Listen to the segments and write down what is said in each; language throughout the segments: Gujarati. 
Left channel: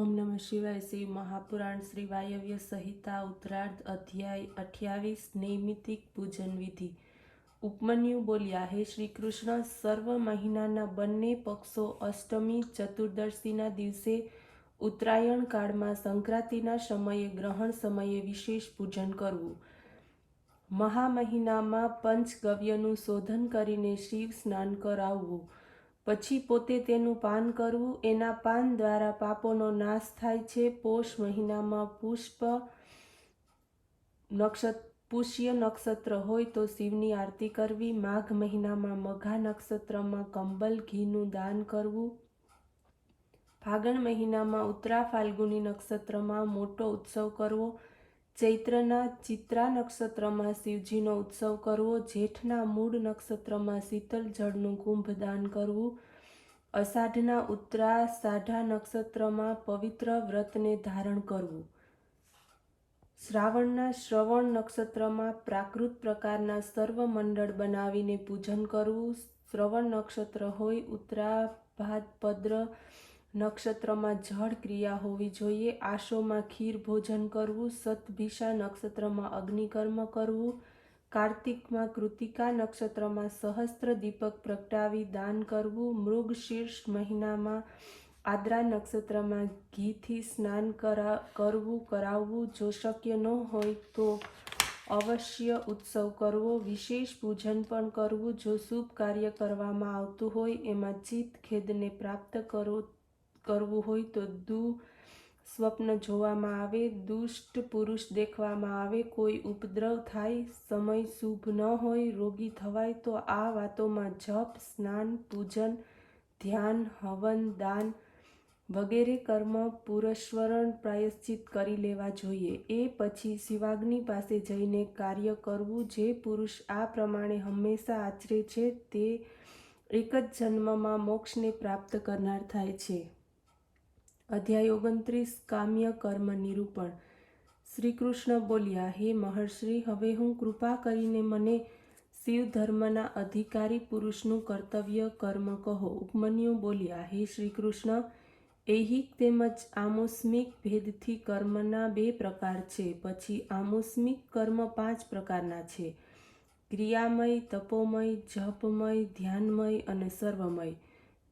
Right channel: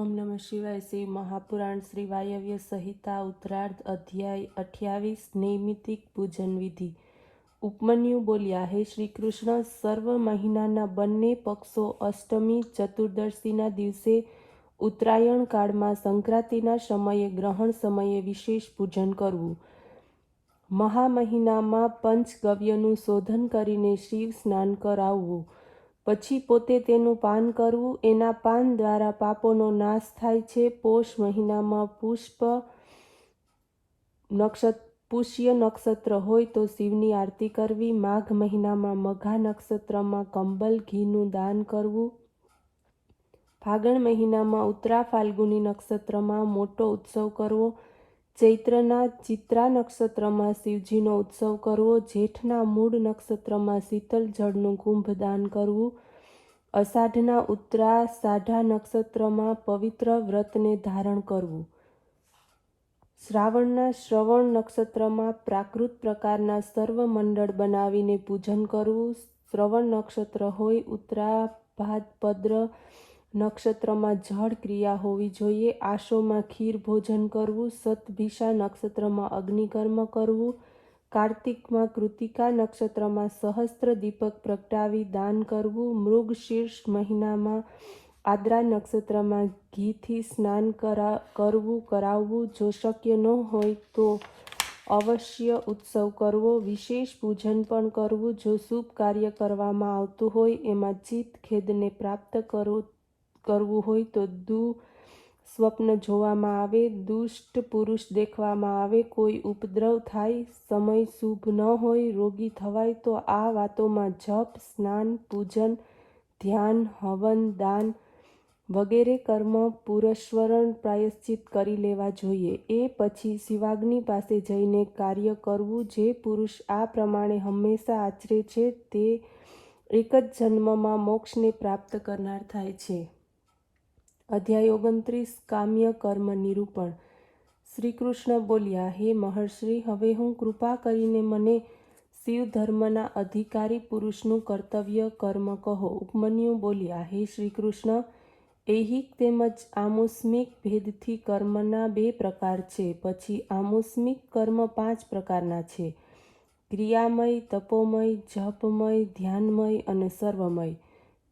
ओम नमः शिवाय। श्री महापुराण श्री वायव्य संहिता उत्तरार्ध अध्याय 28 नैमित्तिक पूजन विधि। ઉપમન્યુ બોલ્યા, હે શ્રી કૃષ્ણ, સર્વ મહિનાના બંને પક્ષો અષ્ટમી ચતુર્દશીના દિવસે ઉત્તરાયણ કાળમાં સંક્રાંતિના સમયે ગ્રહણ સમયે વિશેષ પૂજન કરવું. મહામહિનામાં પંચગવ્યનું શોધન કરીને શિવ સ્નાન કરાવવું, પછી પોતે તેનું પાન કરવું. એના પાન દ્વારા પાપોનો નાશ થાય છે. પોષ મહિનામાં પુષ્ય નક્ષત્ર હોય તો શિવની આરતી કરવી. માઘ મહિનામાં મઘા નક્ષત્રમાં કંબલ ઘીનું દાન કરવું. ફાગણ મહિનામાં ઉત્તરા ફાલ્ગુની નક્ષત્રમાં મોટો ઉત્સવ કરવો. ચૈત્રના ચિત્રા નક્ષત્રમાં શિવજીનો ઉત્સવ કરવો. જેઠના મૂળ નક્ષત્રમાં શીતલ જળનું કુંભ દાન કરવું. અષાઢના ઉત્તરાષાઢા નક્ષત્રમાં પવિત્ર વ્રતને ધારણ કરવું. શ્રાવણના શ્રવણ નક્ષત્રમાં પ્રાકૃત પ્રકારના સર્વ મંડળ બનાવીને પૂજન કરવું. શ્રવણ નક્ષત્ર હોય ઉત્તરાભાદ્ર નક્ષત્રમાં જળ ક્રિયા હોવી જોઈએ. આશોમાં ખીર ભોજન કરવું. શતભિષા નક્ષત્રમાં અગ્નિકર્મ કરવું. કાર્તિકમાં કૃતિકા નક્ષત્રમાં સહસ્ત્ર દીપક પ્રગટાવી દાન કરવું. મૃગશીર્ષ મહિનામાં આદ્રા નક્ષત્રમાં ઘીથી સ્નાન કરાવવું. જો શક્ય ન હોય તો અવશ્ય ઉત્સવ કરવો. વિશેષ પૂજન પણ કરવું. જો શુભ કાર્ય કરવામાં આવતું હોય એમાં ચિત્ત ખેદને પ્રાપ્ત કરવું હોય તો સ્વપ્ન જોવામાં આવે, દુષ્ટ પુરુષ દેખવામાં આવે, કોઈ ઉપદ્રવ થાય, સમય શુભ ન હોય, રોગી થવાય તો આ વાતોમાં જપ, સ્નાન, પૂજન, ધ્યાન, હવન, દાન વગેરે કર્મ પુરસ્સરણ પ્રાયશ્ચિત કરી લેવા જોઈએ. એ પછી શિવાગ્નિ પાસે જઈને કાર્ય કરવું. જે પુરુષ આ પ્રમાણે હંમેશા આચરે છે તે એક જ જન્મમાં મોક્ષને પ્રાપ્ત કરનાર થાય છે. અધ્યાય 29 કામ્ય કર્મ નિરૂપણ. શ્રી કૃષ્ણ બોલ્યા, હે મહર્ષિ, હવે હું કૃપા કરીને મને શિવ ધર્મના અધિકારી પુરુષનું કર્તવ્ય કર્મ કહો. ઉપમન્યુ બોલ્યા, હે શ્રી કૃષ્ણ, ઐહિક તેમજ આમુષ્મિક ભેદથી કર્મના 2 પ્રકાર છે. પછી આમુષ્મિક કર્મ 5 પ્રકારના છે: ક્રિયામય, તપોમય, જપમય, ધ્યાનમય અને સર્વમય.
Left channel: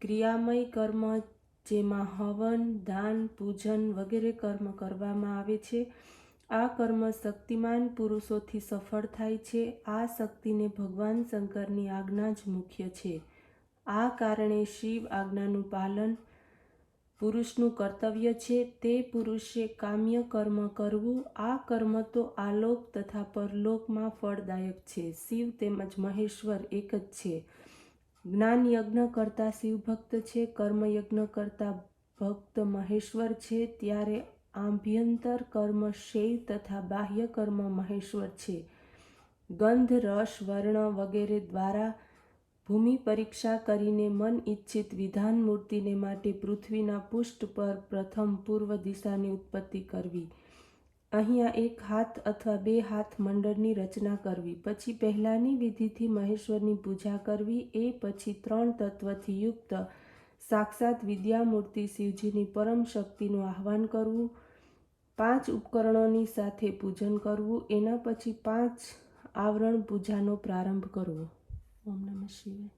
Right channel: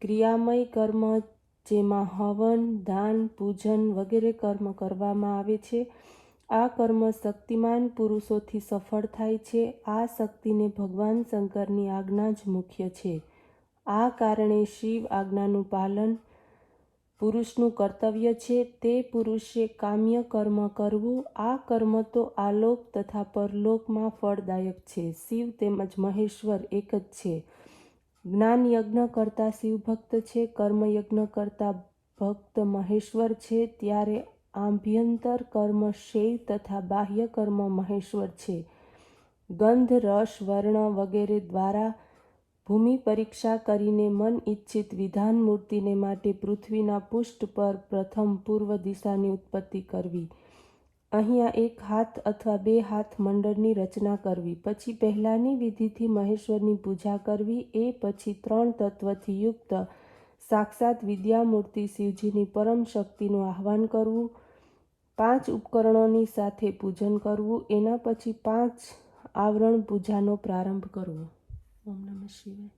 ક્રિયામય કર્મ, જેમાં હવન, દાન, પૂજન વગેરે કર્મ કરવામાં આવે છે. આ કર્મ શક્તિમાન પુરુષોથી સફળ થાય છે. આ શક્તિને ભગવાન શંકરની આજ્ઞા જ મુખ્ય છે. આ કારણે શિવ આજ્ઞાનું પાલન પુરુષનું કર્તવ્ય છે. તે પુરુષે કામ્ય કર્મ કરવું. આ કર્મ તો આલોક તથા પરલોકમાં ફળદાયક છે. શિવ તેમજ મહેશ્વર એક જ છે. જ્ઞાન યજ્ઞ કરતા શિવ ભક્ત છે, કર્મયજ્ઞ કરતા ભક્ત મહેશ્વર છે. ત્યારે આભ્યંતર કર્મ શૈવ તથા બાહ્ય કર્મ મહેશ્વર છે. ગંધ, રસ, વર્ણ વગેરે દ્વારા ભૂમિ પરીક્ષા કરીને મન ઇચ્છિત વિધાન મૂર્તિને માટે પૃથ્વીના પૃષ્ઠ પર પ્રથમ પૂર્વ દિશાની ઉત્પત્તિ કરવી. અહીંયા 1 હાથ અથવા 2 હાથ મંડળની રચના કરવી. પછી પહેલાની વિધિથી મહેશ્વરની પૂજા કરવી. એ પછી 3 તત્વથી યુક્ત સાક્ષાત વિદ્યામૂર્તિ શિવજીની પરમ શક્તિનું આહ્વાન કરવું. 5 ઉપકરણોની સાથે પૂજન કરવું. એના પછી 5 આવરણ પૂજાનો પ્રારંભ કરવો. ઓમ નમઃ શિવાય.